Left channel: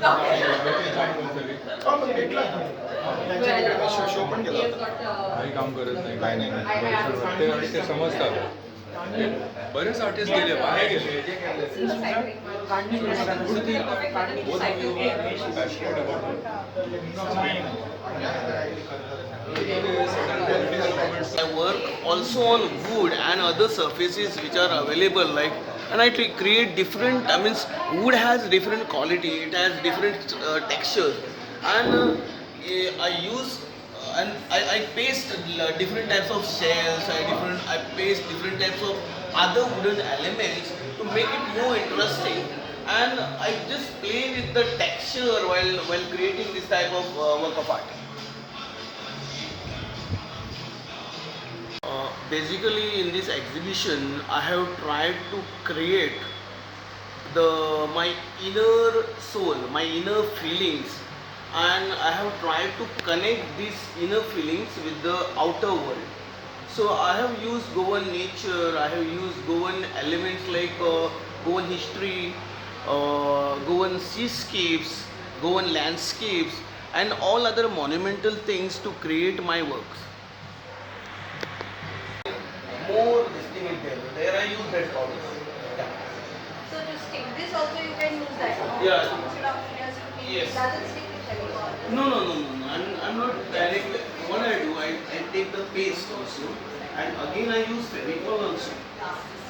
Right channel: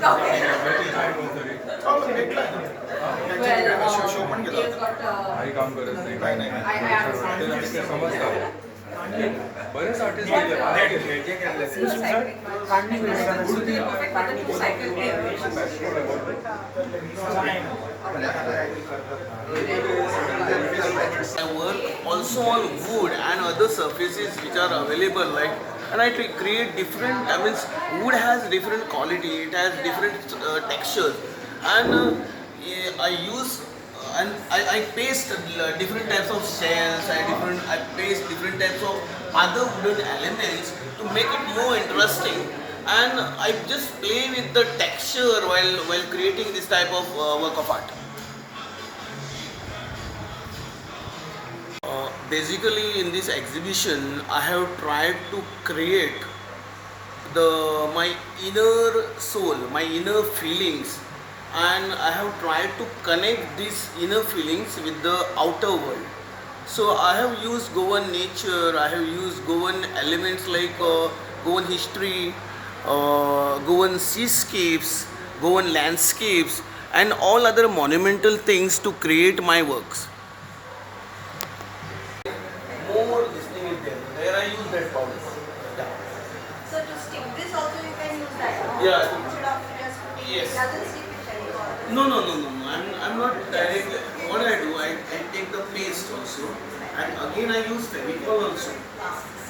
काम करत नाही समजतं बरेच आर्टिस्ट गेले I work also on wood and other surfaces which are available, like, and I create different. I mean, wood has different quality, it has different textures, and I use and I paste different types of shells. I paste different types of other wooden elements to make it more interesting, and I just play with the texture while creating this type of work of art. Basically, in this exhibition, I have tried to create my inner soul, my inner feelings, and I have tried to connect these inner feelings with the outer world. So I have used Goan nature, I have used Goan elements like Goan history, Goan seascapes, Goan landscapes, and all other monumental things to create my works. More this thing is there. There I use that powder. Yeah. So to stick this also you can use that. No? Yeah. Instead of just putting Yes. it doesn't stick with any. No. I'm not directly. What I do, I take the paste also, and again I use fevicol also,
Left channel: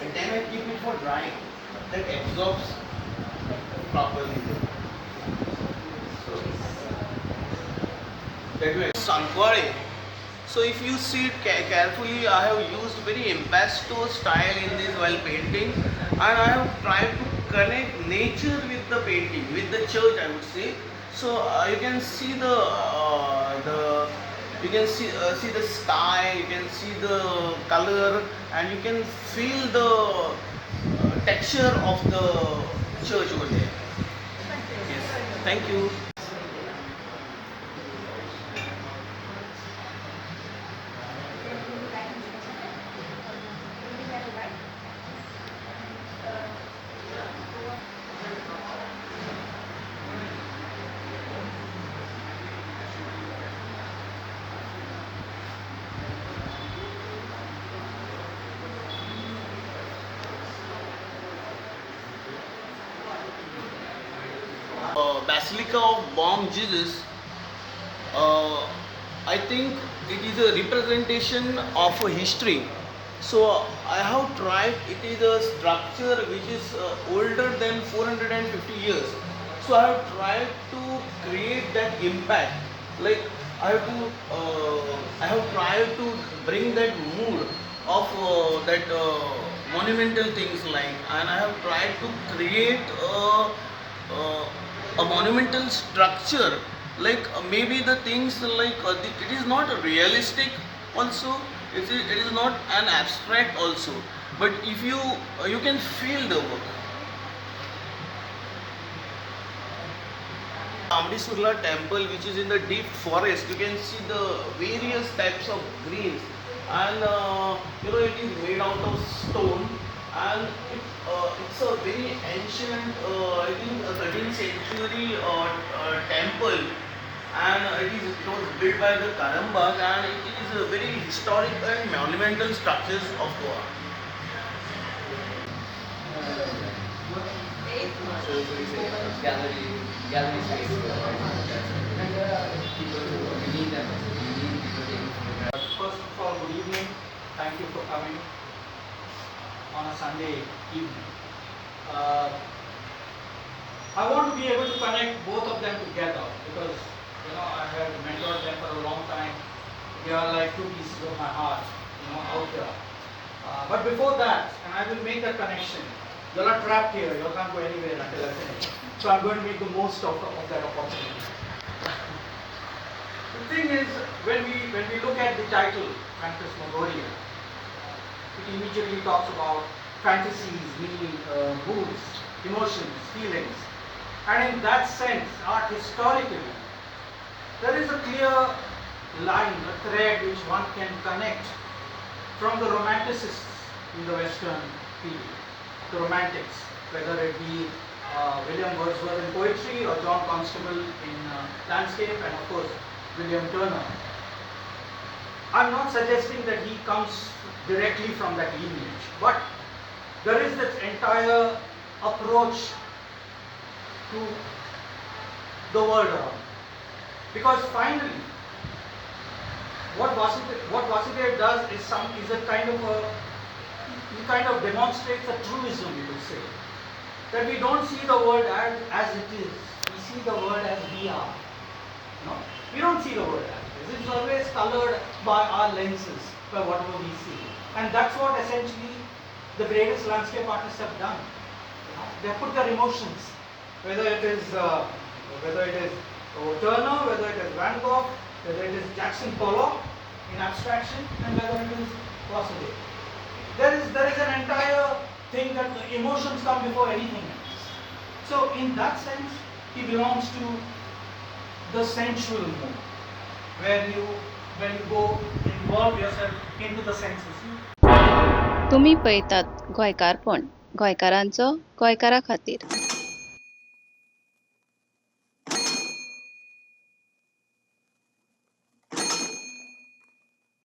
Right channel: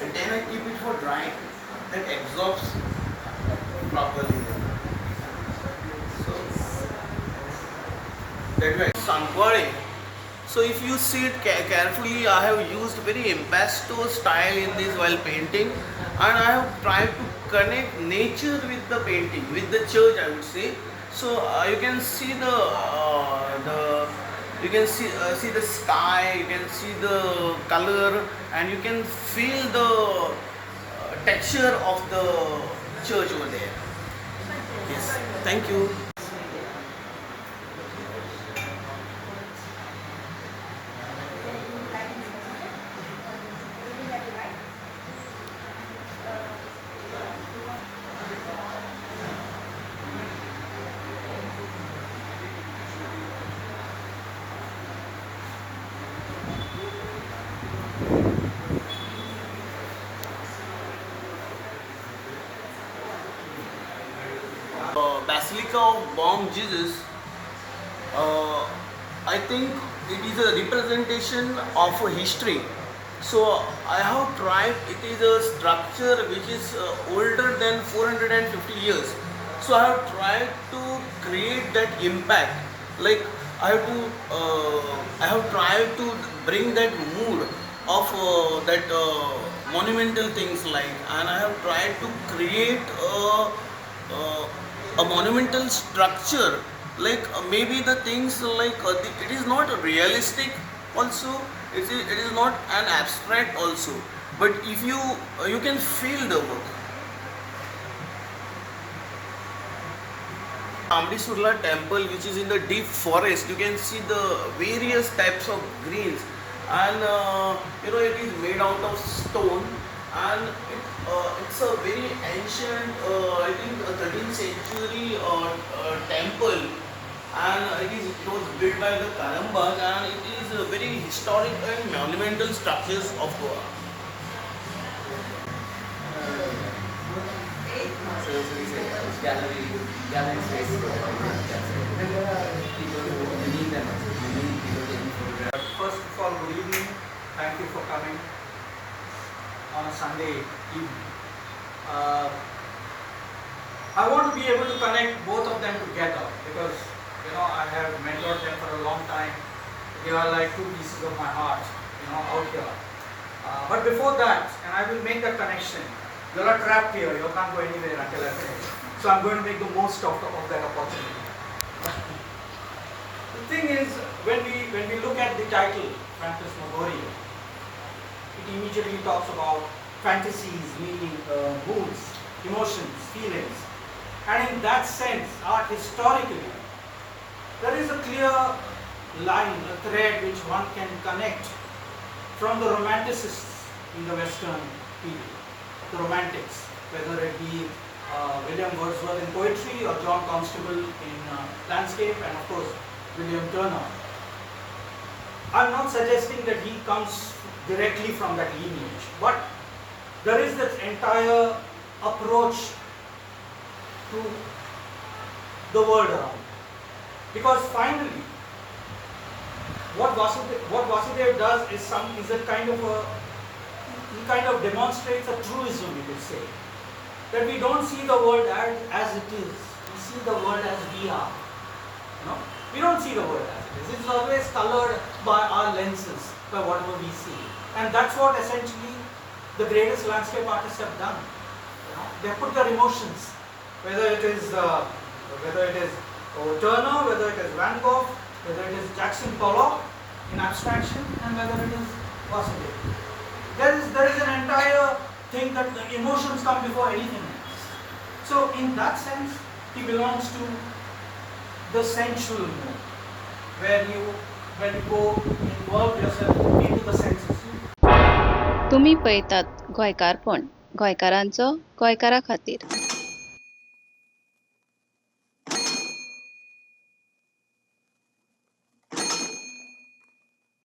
and then I keep it for drying. That absorbs properly. So that way. Sankware. So if you see it carefully, I have used very impasto style in this while painting, and I have tried to connect nature with the painting, with the church, I would say. So you can see you can see the sky, you can see the color, and you can feel the texture of the church over there. Yes, thank you. Basilica of Bomb Jesus, I think it is a representation of a history. So I have tried, it is a structure which is older than 450 years. So I have tried to create that impact. Like I have tried to bring that mood of that monumental things, like, and I have tried to create a monumental structure, like maybe the things like it is not realistic also, it is not an abstract also, but if you can feel the work. Ambisurla temple, which is in the deep forest, you can see the various types of greens, and it is made out of stone, and it's a very ancient, I think, 13th century temple, and it was built by the Karambag, and it is a very historic and monumental structures of Goa. Gallery space. First of all, good evening. Thank you for coming on a Sunday evening. I want to be able to connect both of them together because I have mentored them for a long time. They are like two pieces of my heart, out here. But before that, and I will make that connection. You are trapped here. You can't go anywhere until I finish. So I'm going to make the most of that opportunity. The thing is, when we look at the title, Phantasmagoria, it immediately talks about fantasies, meaning moods, emotions, feelings. And in that sense, art historically, there is a clear line, a thread which one can connect from the romanticists in the Western period, the romantics, whether it be William Wordsworth in poetry, or John Constable in landscape, and of course William Turner. I'm not suggesting that he comes directly from that lineage, but there is this entire approach to the world around. Because finally, what Vasudev does is a kind of he kind of demonstrates a truism, you could say, that we don't see the world as it is. We see the world as we are. No, we don't see the world as it is. It's always colored by our lenses, by whatever we see, and that's what essentially the greatest landscape artists have done. You know, they put their emotions, whether it is Turner, whether it is Van Gogh, whether it is Jackson Pollock in abstraction, and whether it is Vasudev. There is an entire thing that the emotions come before anything else. So in that sense, he belongs to the sensual mode, where you go involve yourself into the senses. तुम्ही पळयतात गोंयकारपण गोंयकारांचो गोंयकारा खातीर.